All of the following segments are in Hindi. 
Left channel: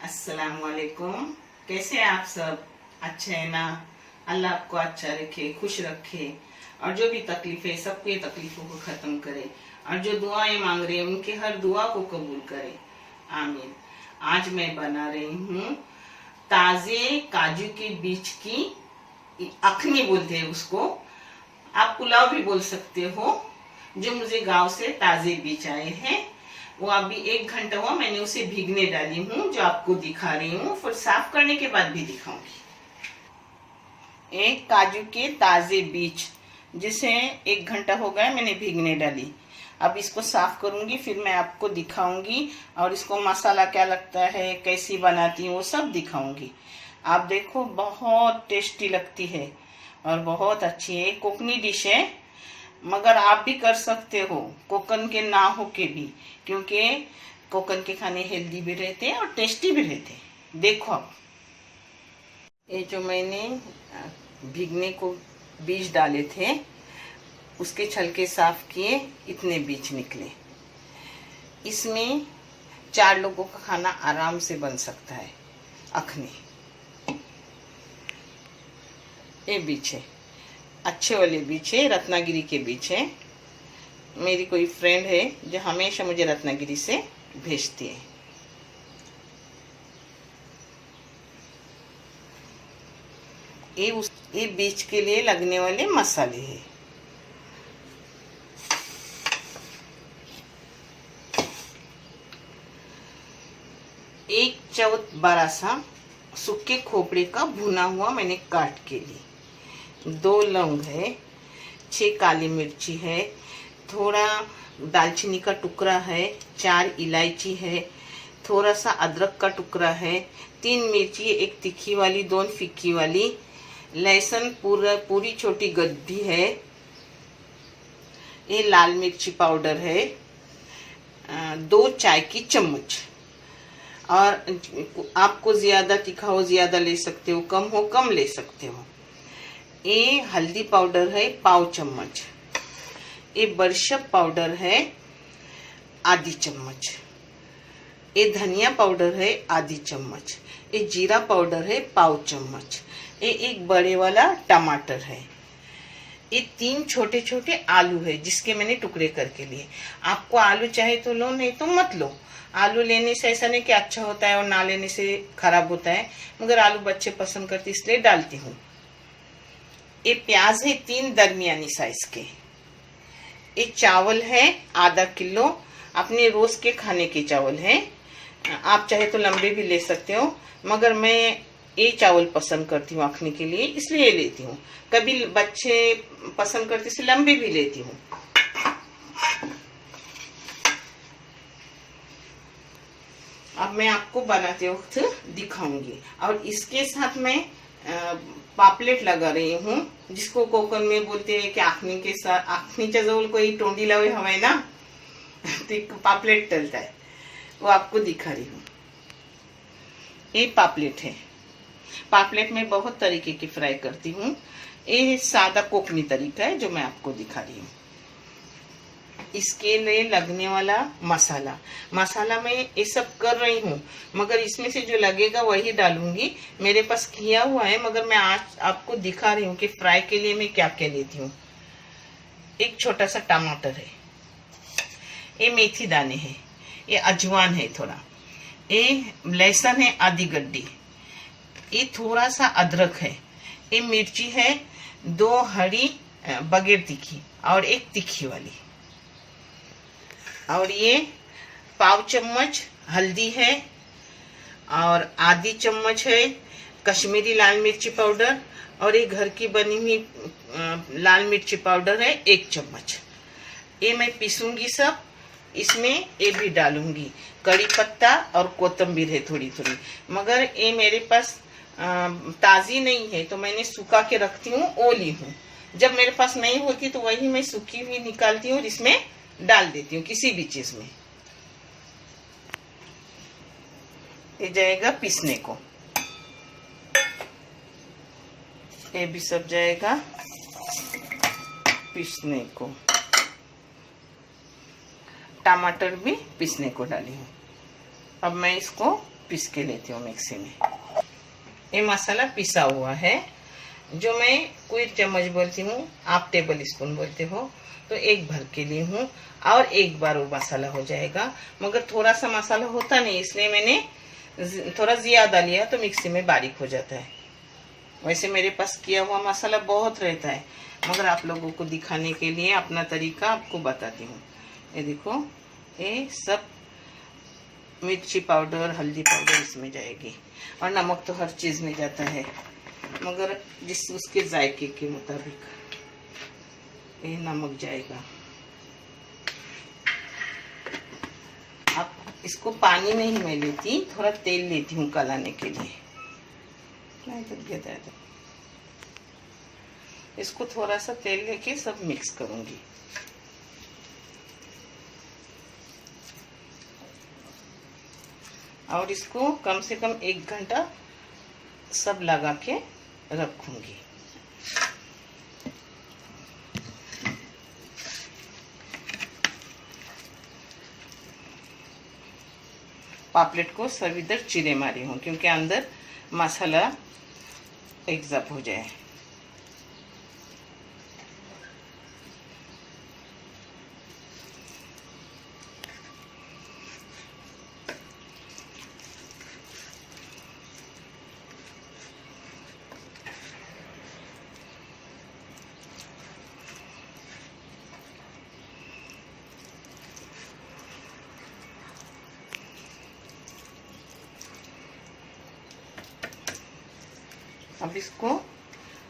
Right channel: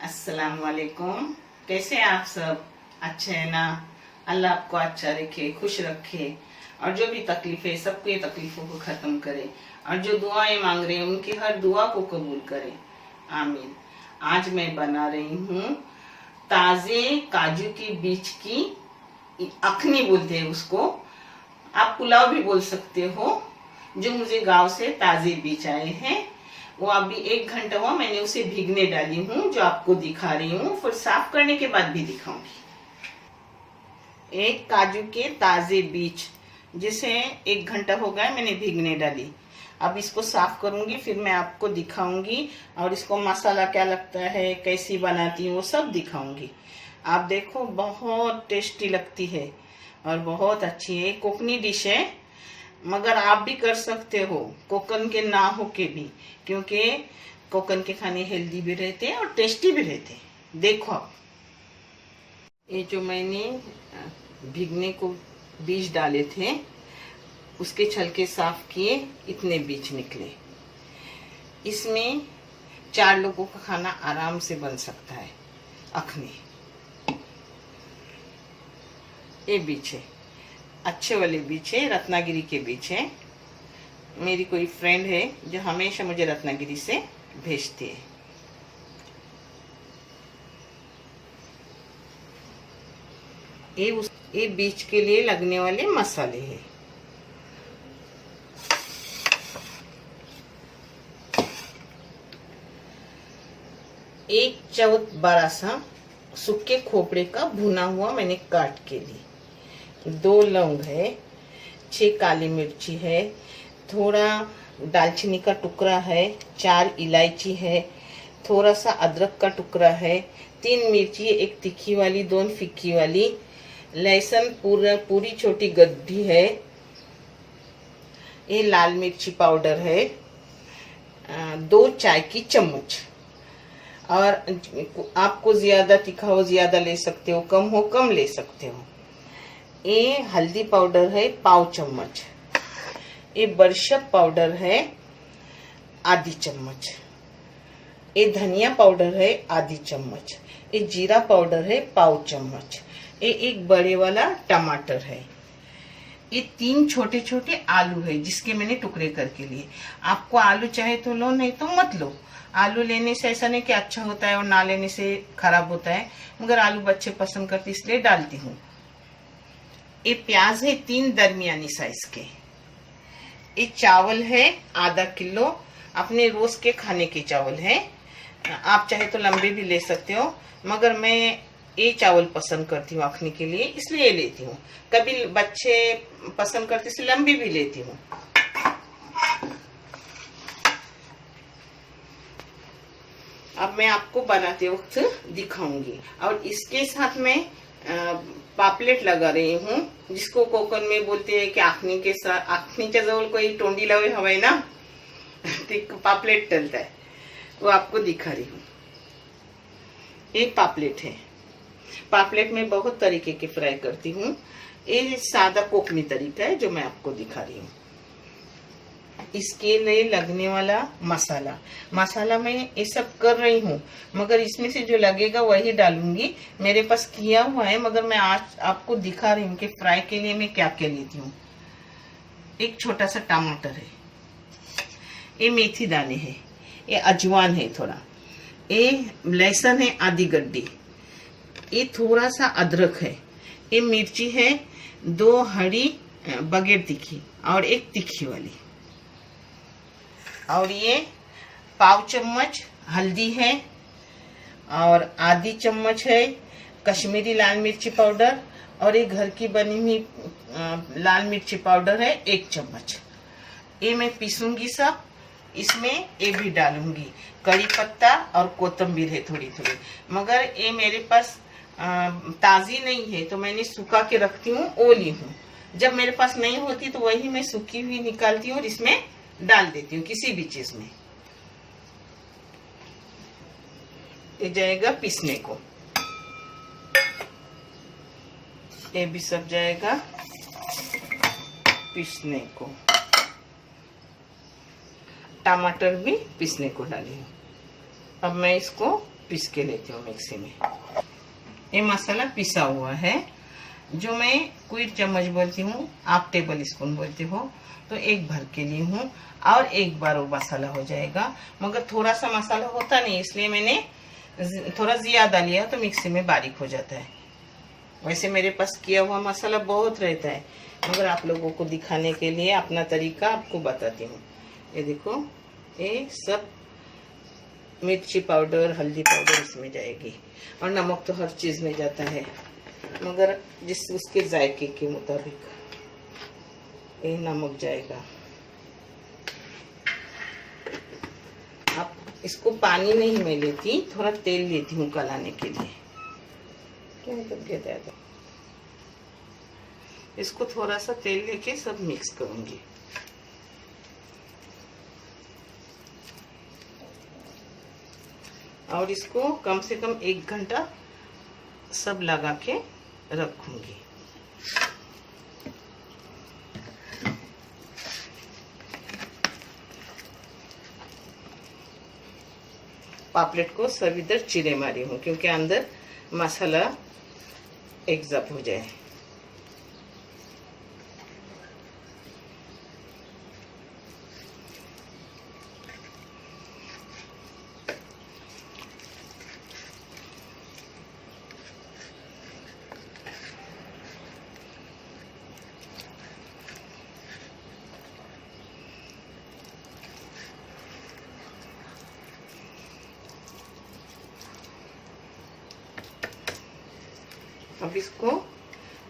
अस्सलाम वालेकुम। कैसे हैं आप सब? अच्छे हैं ना? अल्लाह आपको अच्छा रखे, खुश रखे, और जो भी तकलीफ है सबके तकलीफों को खत्म करे, और जो दुआएं मांग रहे हैं उनकी हर दुआ को कबूल करे। आमीन। आज मैं बना रही हूँ ताजे काजू के बीज की अखनी बोलते हैं उसको, आप पुलाव भी बोल सकते हो। जो मुझे गांव से ताजे बीज आए हैं, वो अभी 1 घंटा हुआ मैंने उसे भीगने डाली हूँ, जो आपको दिखा रही हूँ, फिर साफ करने के बाद भी दिखाऊंगी। एक काजू के ताजे बीज जिसे 1 घंटा हो गया मैंने भीगने डाली। अब इसको साफ करूंगी, फिर मैं आपको दिखाऊंगी, और इसको मसाला क्या लगता है, कैसी बनाती हूँ, वो सब दिखाऊंगी। आप देखो, बहुत टेस्टी लगती है और बहुत अच्छी है। कोकनी डिश है, मगर आप भी कर सकते हो कोकन के ना हो के भी, क्योंकि कोकन के खाने हेल्दी भी रहते हैं और टेस्टी भी रहते हैं। देखो आप, ये जो मैंने भीगने को बीज डाले थे उसके छलके साफ किए, इतने बीज निकले। इसमें 4 लोगों का खाना आराम से बन सकता है। अखनी ये बीज है, अच्छे वाले बीज है, रत्नागिरी के बीज है। मेरी कोई फ्रेंड है जो हमेशा मुझे रत्नागिरी से भेजती है। ये बीज के लिए लगने वाले मसाले हैं। एक चौथ बड़ा सा सूखे खोपड़े का भुना हुआ मैंने काट के ली। 2 लौंग है, 6 काली मिर्ची है, थोड़ा दालचीनी का टुकड़ा है, 4 इलायची है, थोड़ा सा अदरक का टुकड़ा है, 3 मिर्ची, 1 तीखी वाली, 2 फीकी वाली, लहसुन पूरी छोटी गड्ढी है, ये लाल मिर्ची पाउडर है, 2 चाय की चम्मच। और आपको ज्यादा तीखा हो ज्यादा ले सकते हो, कम हो कम ले सकते हो। ये हल्दी पाउडर है पाव चम्मच, ये बरशक पाउडर है आधी चम्मच, ये धनिया पाउडर है आधी चम्मच, ये जीरा पाउडर है पाव चम्मच, ये एक बड़े वाला टमाटर है, ये 3 छोटे छोटे आलू है जिसके मैंने टुकड़े करके लिए। आपको आलू चाहे तो लो, नहीं तो मत लो। आलू लेने से ऐसा नहीं कि अच्छा होता है और ना लेने से खराब होता है, मगर आलू बच्चे पसंद करते इसलिए डालती हूँ। ये प्याज है 3 दरमियानी साइज के। ये चावल है आधा किलो, अपने रोज के खाने के चावल है। आप चाहे तो लंबे भी ले सकते हो, मगर मैं ये चावल पसंद करती हूँ अखनी के लिए, इसलिए ये लेती हूँ। कभी बच्चे पसंद करते इसलिए लंबे भी लेती हूँ। अब मैं आपको बनाते वक्त दिखाऊंगी। और इसके साथ मैं पापलेट लगा रही हूँ, जिसको कोकण में बोलते हैं कि आखनी के साथ, आखनीच्या जवळ कोई तोंडी लावे हवाय ना, तो पापलेट डलता है, वो आपको दिखा रही हूँ। ये पापलेट है। पापलेट में बहुत तरीके के फ्राई करती हूँ। ये सादा कोकनी तरीका है जो मैं आपको दिखा रही हूँ। इसके लिए लगने वाला मसाला मैं ये सब कर रही हूँ, मगर इसमें से जो लगेगा वही डालूंगी। मेरे पास किया हुआ है, मगर मैं आज आपको दिखा रही हूँ कि फ्राई के लिए मैं क्या क्या लेती हूँ। एक छोटा सा टमाटर है, ये मेथी दाने है, ये अजवान है थोड़ा, ये लहसुन है आधी गड्डी, ये थोड़ा सा अदरक है, ये मिर्ची है 2 हरी बगैर तीखी और 1 तीखी वाली, और ये पाव चम्मच हल्दी है, और आधी चम्मच है कश्मीरी लाल मिर्ची पाउडर, और ये घर की बनी हुई लाल मिर्ची पाउडर है 1 चम्मच। ये मैं पीसूंगी सब, इसमें ये भी डालूंगी। कड़ी पत्ता और कोतंबीर है थोड़ी थोड़ी, मगर ये मेरे पास ताजी नहीं है तो मैंने सुखा के रखती हूँ, वो ली हूँ। जब मेरे पास नहीं होती तो वही मैं सूखी हुई निकालती हूँ, इसमें डाल देती हूँ किसी भी चीज में। ये जाएगा पीसने को, ये भी सब जाएगा पीसने को। टमाटर भी पीसने को डाली हूँ। अब मैं इसको पीस के लेती हूँ मिक्सी में। ये मसाला पिसा हुआ है, जो मैं कोई चम्मच बोलती हूँ, आप टेबल स्पून बोलते हो, तो एक भर के ली हूँ और एक बार वो मसाला हो जाएगा। मगर थोड़ा सा मसाला होता नहीं, इसलिए मैंने थोड़ा ज्यादा लिया तो मिक्सी में बारीक हो जाता है। वैसे मेरे पास किया हुआ मसाला बहुत रहता है, मगर आप लोगों को दिखाने के लिए अपना तरीका आपको बताती हूँ। ये देखो, ये सब मिर्ची पाउडर, हल्दी पाउडर इसमें जाएगी, और नमक तो हर चीज़ में जाता है, मगर जिस उसके जायके के मुताबिक ये नमक जाएगा। अब इसको पानी में ही मैं लेती, थोड़ा तेल लेती हूँ गलाने के लिए। इसको थोड़ा सा तेल लेके सब मिक्स करूंगी। और इसको कम से कम 1 घंटा सब लगा के रखूंगी। पापलेट को सब इधर चीरे मारी हूँ, क्योंकि अंदर मसाला एग्जॉब हो जाए। अब इसको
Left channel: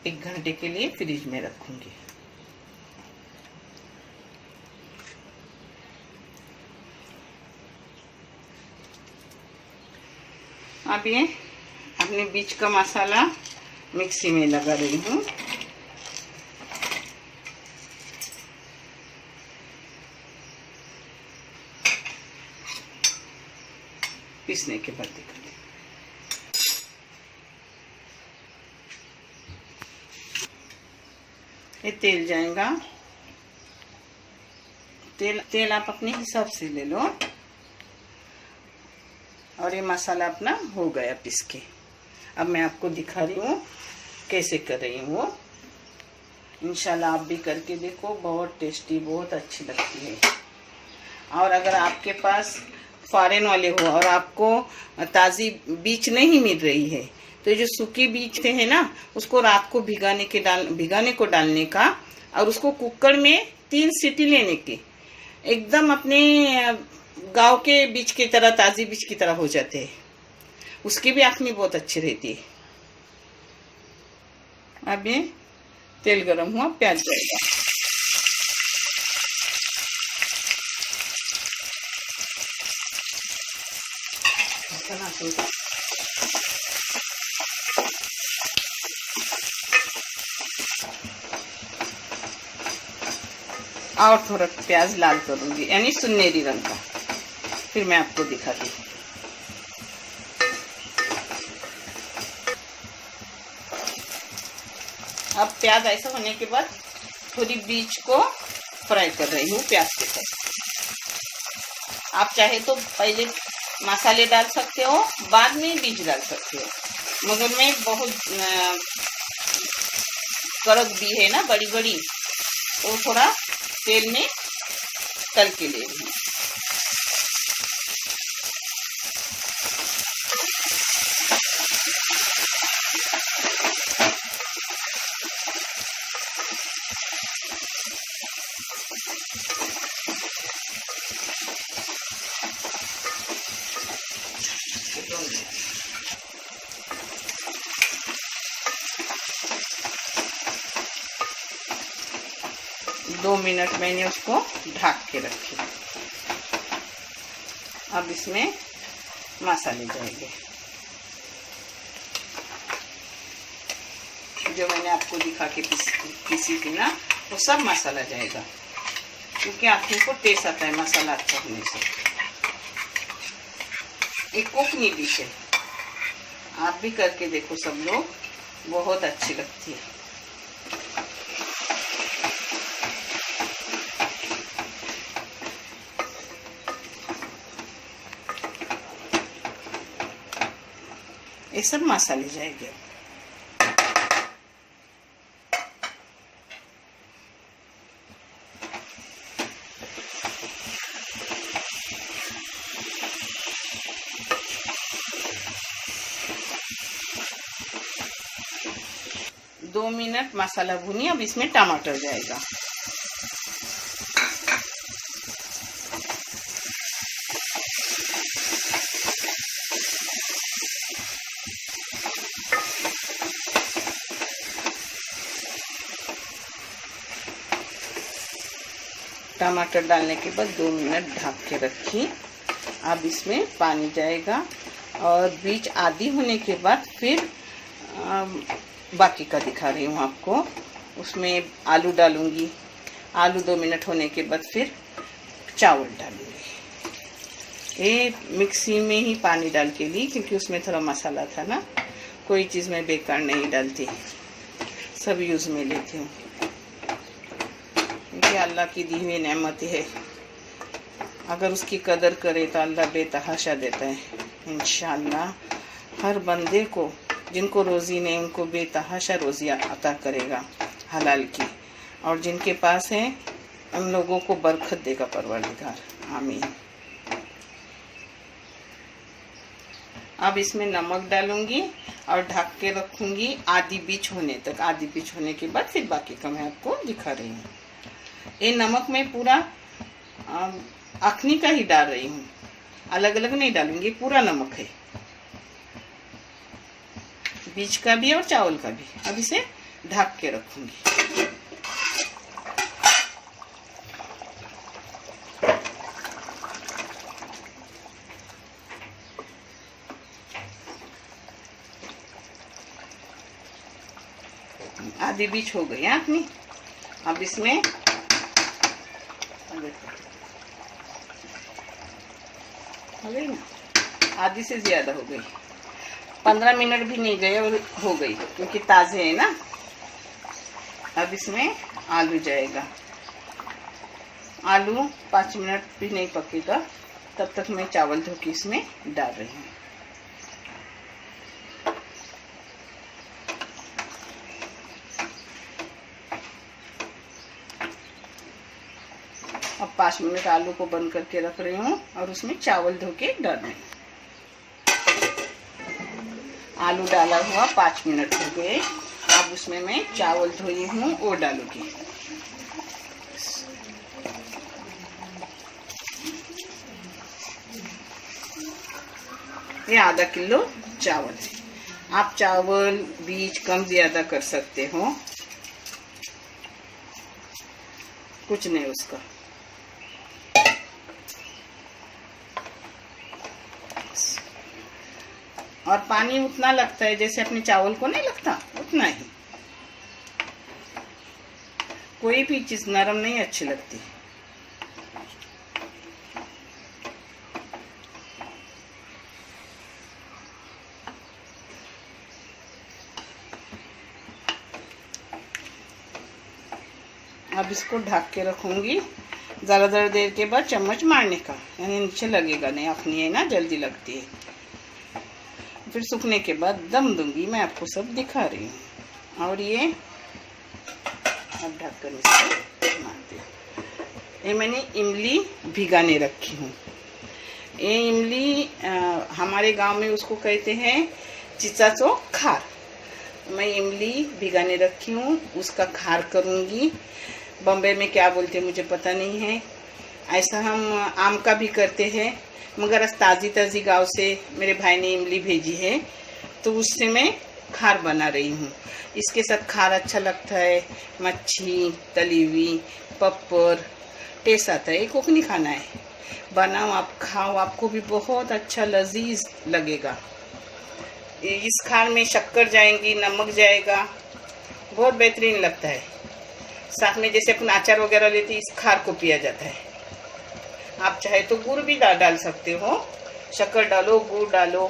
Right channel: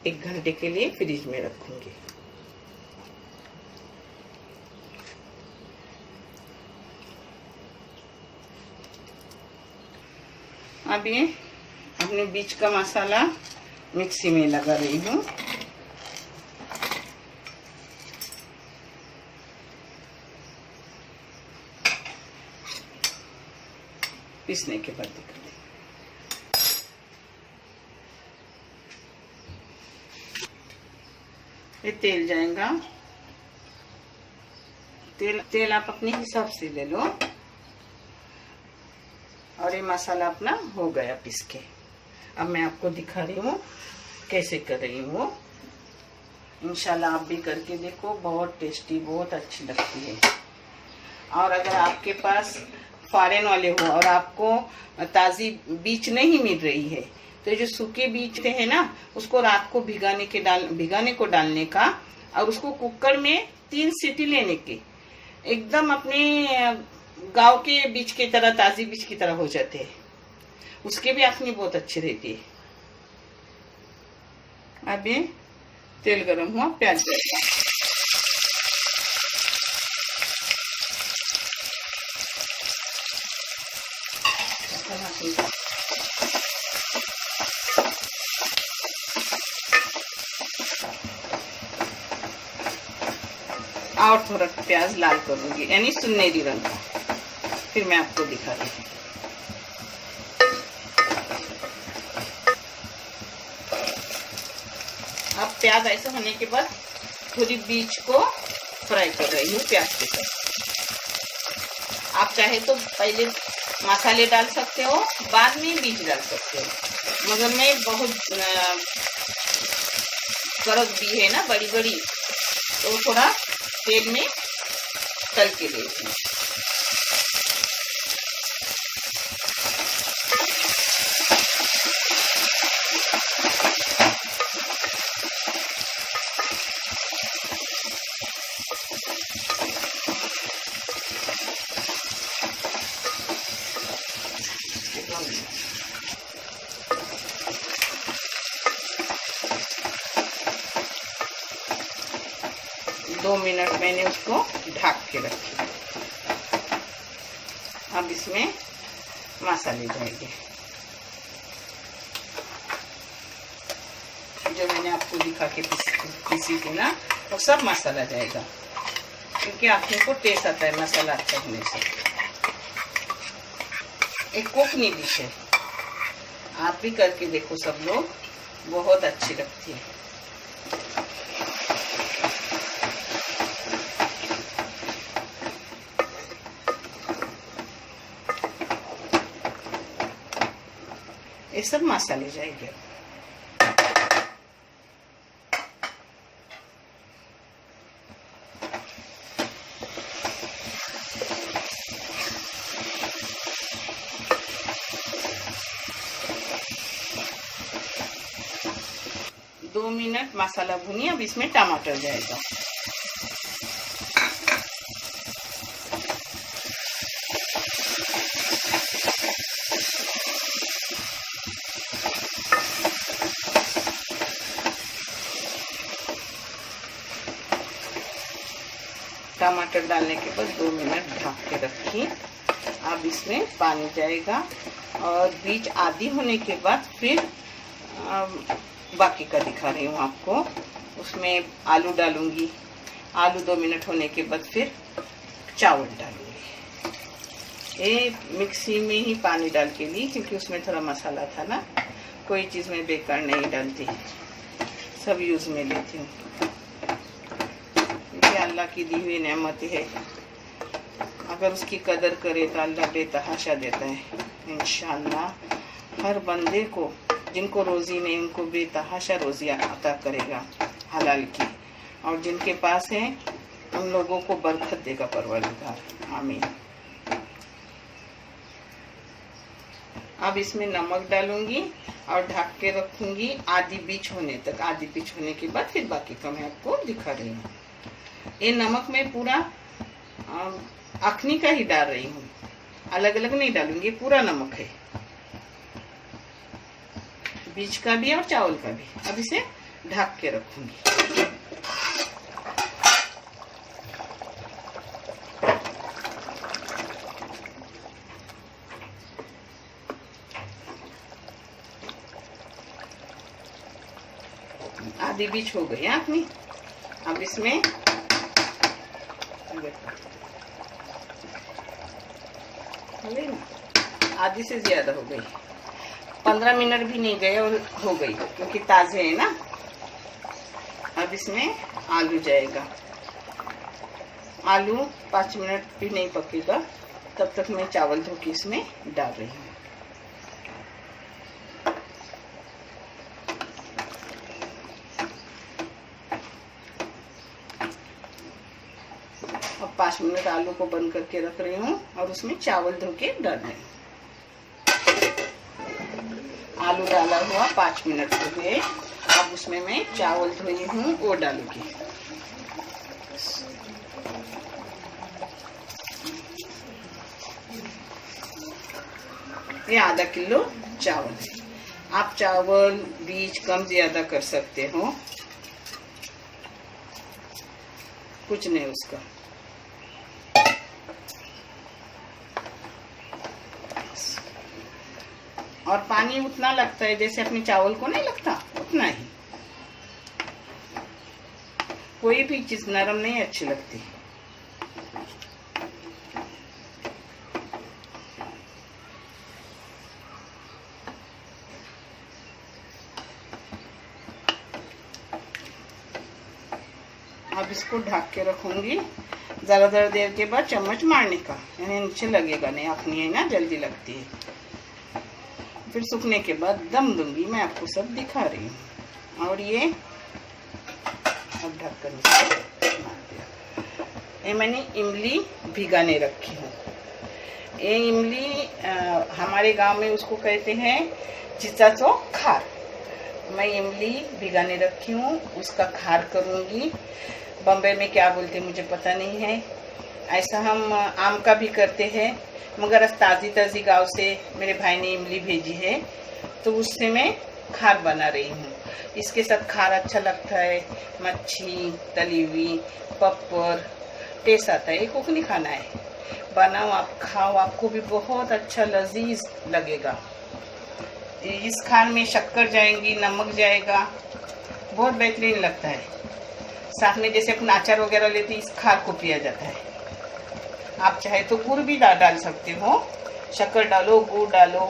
1 घंटे के लिए फ्रिज में रखूंगी। अब ये अपने बीच का मसाला मिक्सी में लगा रही हूँ। पीसने के बाद दिखाती हूँ। ये तेल जाएगा। तेल आप अपने हिसाब से ले लो। और ये मसाला अपना हो गया पीस के। अब मैं आपको दिखा रही हूँ कैसे कर रही हूँ वो। इंशाल्लाह आप भी करके देखो, बहुत टेस्टी, बहुत अच्छी लगती है। और अगर आपके पास फॉरेन वाले हो और आपको ताज़ी बीज नहीं मिल रही है, तो जो सूखे बीज हैं ना, उसको रात को भिगाने को डालने का, और उसको कुकर में 3 सीटी लेने की, एकदम अपने गांव के बीज की तरह, ताज़ी बीज की तरह हो जाते हैं। उसकी भी आखनी बहुत अच्छी रहती है। अब ये तेल गरम हुआ, प्याज जाएगा। और थोड़ा प्याज लाल करूंगी, यानी सुनहरी रंग का, फिर मैं आपको दिखा रही हूँ। अब प्याज ऐसा होने के बाद थोड़ी बीज को फ्राई कर रही हूँ प्याज के साथ। आप चाहे तो पहले मसाले डाल सकते हो, बाद में बीज डाल सकते हो, मगर मैं बहुत कड़क भी है ना, बड़ी बड़ी, तो थोड़ा तेल में तल के ले रही हूँ। दो मिनट मैंने उसको ढक के रखी। अब इसमें मसाले जाएंगे, जो मैंने आपको दिखा के पीसी थी ना, वो सब मसाला जाएगा, क्योंकि आप लोग को टेस्ट आता है मसाला अच्छा होने से। एक कोकनी डिश है, आप भी करके देखो सब लोग, बहुत अच्छी लगती है। ये सब मसाले जाएंगे। 2 मिनट मसाला भूनिए। अब इसमें टमाटर जाएगा। टमाटर डालने के बाद 2 मिनट ढक के रखिए। अब इसमें पानी जाएगा और बीज आधी होने के बाद फिर बाकी का दिखा रही हूँ आपको। उसमें आलू डालूंगी। आलू 2 मिनट होने के बाद फिर चावल डालूंगी। ये मिक्सी में ही पानी डाल के ली क्योंकि उसमें थोड़ा मसाला था ना। कोई चीज़ में बेकार नहीं डालती, सब यूज़ में लेती हूँ क्योंकि अल्लाह की दी हुई नेमत है। अगर उसकी कदर करे तो अल्लाह बेतहाशा देता है। इंशाअल्लाह हर बंदे को जिनको रोज़ी नहीं उनको बेतहाशा रोज़ी अता करेगा हलाल की, और जिनके पास है उन लोगों को बरकत देगा परवरदिगार। आमीन। अब इसमें नमक डालूंगी और ढक के रखूंगी आधी बीच होने तक। आधी बीच होने के बाद फिर बाकी का मैं आपको दिखा रही हूँ। ये नमक मैं पूरा अखनी का ही डाल रही हूँ, अलग अलग नहीं डालूंगी। पूरा नमक है, बीज का भी और चावल का भी। अब इसे ढक के रखूंगी। आधी बीज हो गई अपनी। अब इसमें आधी से ज्यादा हो गई, 15 मिनट भी नहीं गए और हो गई क्योंकि ताजे है ना। अब इसमें आलू जाएगा। आलू 5 मिनट भी नहीं पकेगा तब तक मैं चावल धो के इसमें डाल रही हूँ। अब 5 मिनट आलू को बंद करके रख रही हूँ और उसमें चावल धो के डाल रही हूँ। आलू डाला हुआ 5 मिनट हो गए। अब उसमें मैं चावल धोई हूँ वो डालूंगी। ये आधा किलो चावल है। आप चावल बीज कम ज्यादा कर सकते हो, कुछ नहीं उसका। और पानी उतना लगता है जैसे अपने चावल को नहीं लगता, उतना ही। कोई भी चीज नरम नहीं अच्छी लगती। अब इसको ढक के रखूंगी। जरा जरा देर के बाद चम्मच मारने का, यानी नीचे लगेगा नहीं। अपनी है ना जल्दी लगती है। फिर सूखने के बाद दम दूंगी। मैं आपको सब दिखा रही हूँ। और ये अब ढक्कन ये मैंने इमली भिगाने रखी हूँ। ये इमली हमारे गांव में उसको कहते हैं चिचाचो खार। मैं इमली भिगाने रखी हूँ, उसका खार करूँगी। बॉम्बे में क्या बोलते मुझे पता नहीं है। ऐसा हम आम का भी करते हैं, मगर आज ताज़ी ताज़ी गांव से मेरे भाई ने इमली भेजी है तो उससे मैं खार बना रही हूँ। इसके साथ खार अच्छा लगता है। मच्छी तली हुई, पप्पर टेस्ट आता है। ये कोकनी खाना है। बनाओ आप, खाओ, आपको भी बहुत अच्छा लजीज लगेगा। इस खार में शक्कर जाएंगी, नमक जाएगा, बहुत बेहतरीन लगता है। साथ में जैसे अपन अचार वगैरह लेते इस खार को पिया जाता है। आप चाहे तो गुड़ भी डाल सकते हो। शक्कर डालो, गुड़ डालो,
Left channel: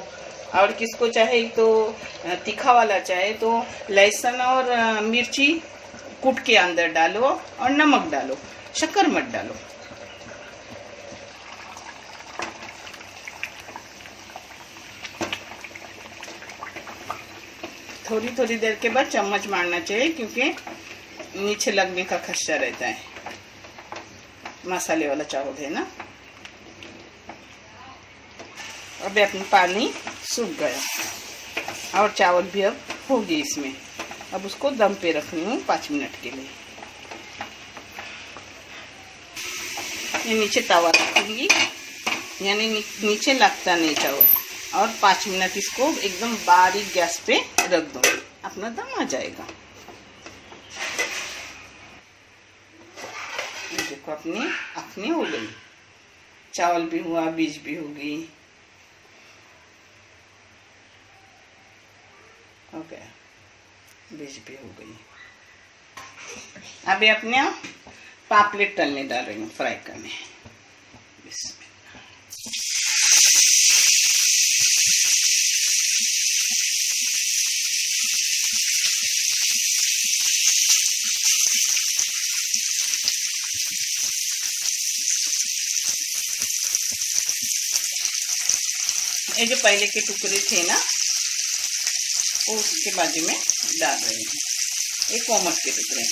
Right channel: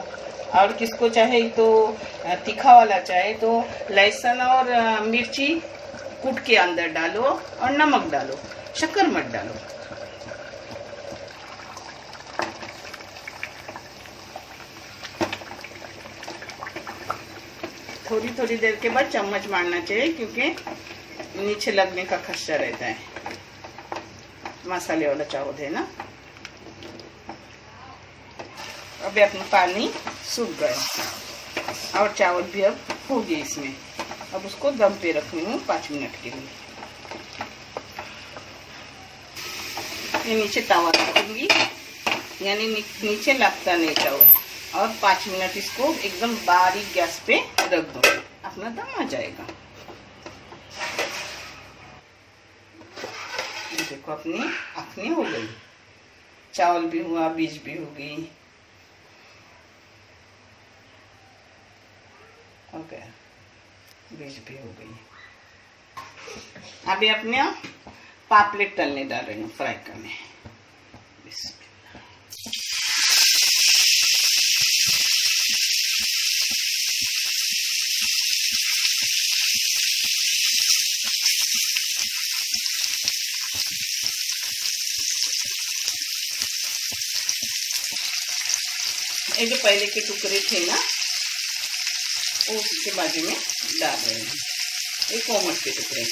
और किसको चाहे तो तीखा वाला चाहे तो लहसुन और मिर्ची कूट के अंदर डालो और नमक डालो, शक्कर मत डालो। थोड़ी थोड़ी देर के बाद चम्मच मारना चाहिए, क्योंकि नीचे लगने का खतरा रहता है। मसाले वाला चावल है ना। अभी अपना पानी सूख गया और चावल भी अब हो गए इसमें। अब उसको दम पे रखनी हूँ 5 मिनट के लिए। ये नीचे तवा रखूंगी, यानी नीचे लगता नहीं चावल। और 5 मिनट इसको एकदम बारीक गैस पे रख दो, अपना दम आ जाएगा। देखो अपनी हो गई, चावल भी हुआ, बीज भी हो गई। ओके, बीज भी हो गई। अभी अपने पापलेट तलने डाल रही हूँ, फ्राई करने। ये जो पहले के टुकड़े थे ना, उसके बाजू में डाल रहे हैं। ये कोमट के टुकड़े,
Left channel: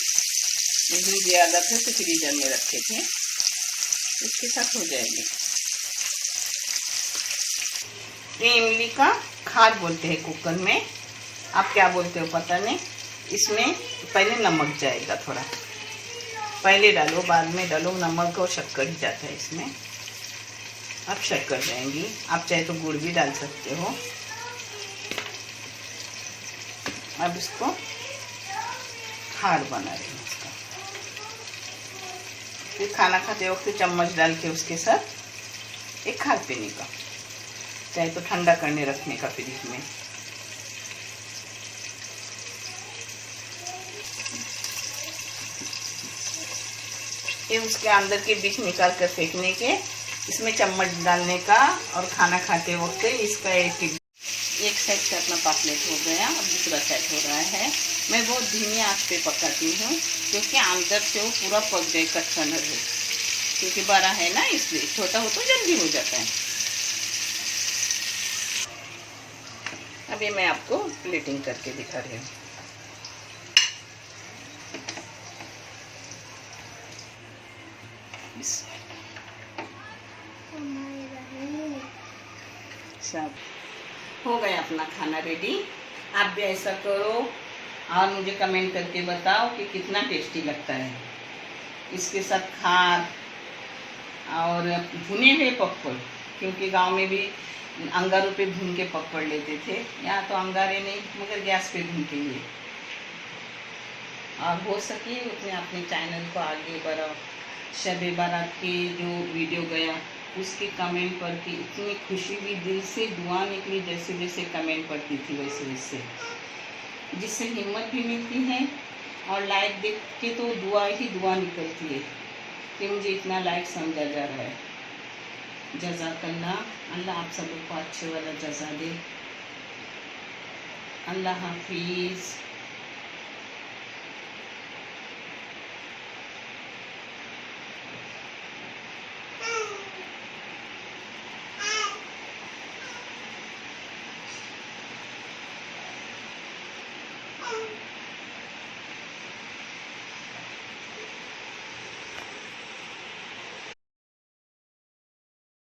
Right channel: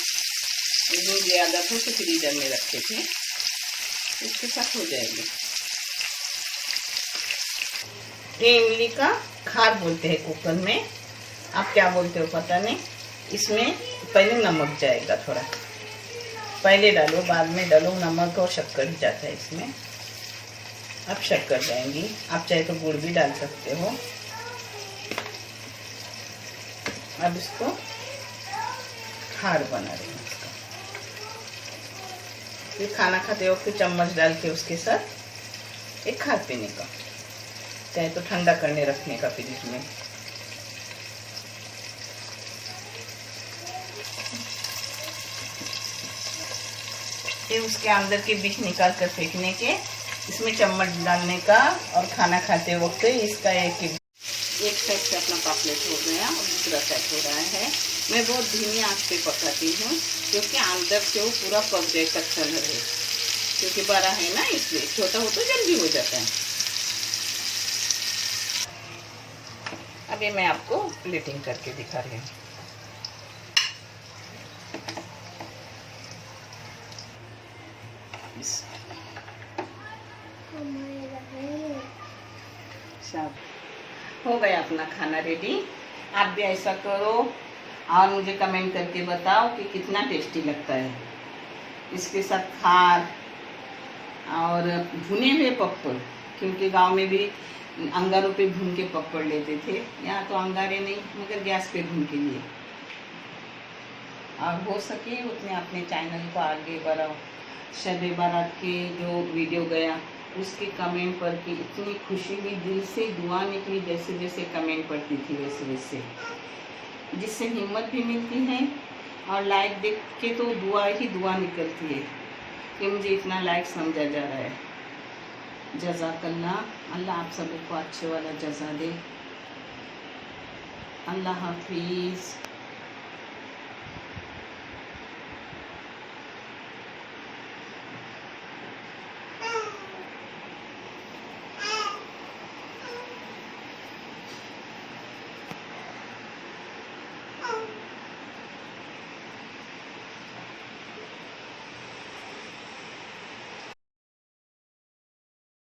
जो ज्यादा थे तो फ्रीजर में रखे थे, उसके साथ हो जाएंगे। ये इमली का खार बोलते हैं कुकर में, आप क्या बोलते हो पता नहीं। इसमें पहले नमक जाएगा थोड़ा, पहले डालो बाद में डालो। नमक और शक्कर ही जाता है इसमें। अब शक्कर जाएंगी, आप चाहे तो गुड़ भी डाल सकते हो। अब इसको खार बना रही हूँ इसका। फिर खाना खाते वक्त चम्मच डाल के उसके साथ एक खार पीने का, चाहे तो ठंडा करने रखने का फ्रिज में। फिर उसके अंदर के बीज निकाल कर फेंकने के, इसमें चम्मच डालने का, और खाना खाते वक्त इसका एक साइड से अपना पापलेट हो गया, दूसरा साइड हो रहा है। मैं बहुत धीमी आंच पे पकाती हूँ, क्योंकि अंदर से वो पूरा पक जाए, कच्चा न रहे। क्योंकि बड़ा है ना, इसलिए छोटा हो तो जल्दी हो जाता है। अभी मैं आपको प्लेटिंग करके दिखा रही हूँ। सब हो गया अपना खाना रेडी। आप भी ऐसा करो और मुझे कमेंट करके बताओ कि कितना टेस्टी लगता है। इसके साथ खार और भुने हुए पपड़, क्योंकि गांव में भी अंगारों पे भून के पपड़ लेते थे, यहाँ तो अंगारे नहीं, मगर गैस पे भून के लिए। और हो सके उतने अपने चैनल को आगे बढ़ाओ। शब बारात के जो वीडियो गया उसके कमेंट पर कि इतनी खुशी हुई, दिल से दुआ निकली, जैसे जैसे कमेंट पढ़ती थी वैसे वैसे, जिससे हिम्मत भी मिलती है। और लाइक देख के तो दुआ ही दुआ निकलती है कि मुझे इतना लाइक समझा जा रहा है। जज़ाकल्लाह। अल्लाह आप सभी को अच्छे वाला जज़ा दे। अल्लाह हाफिज़।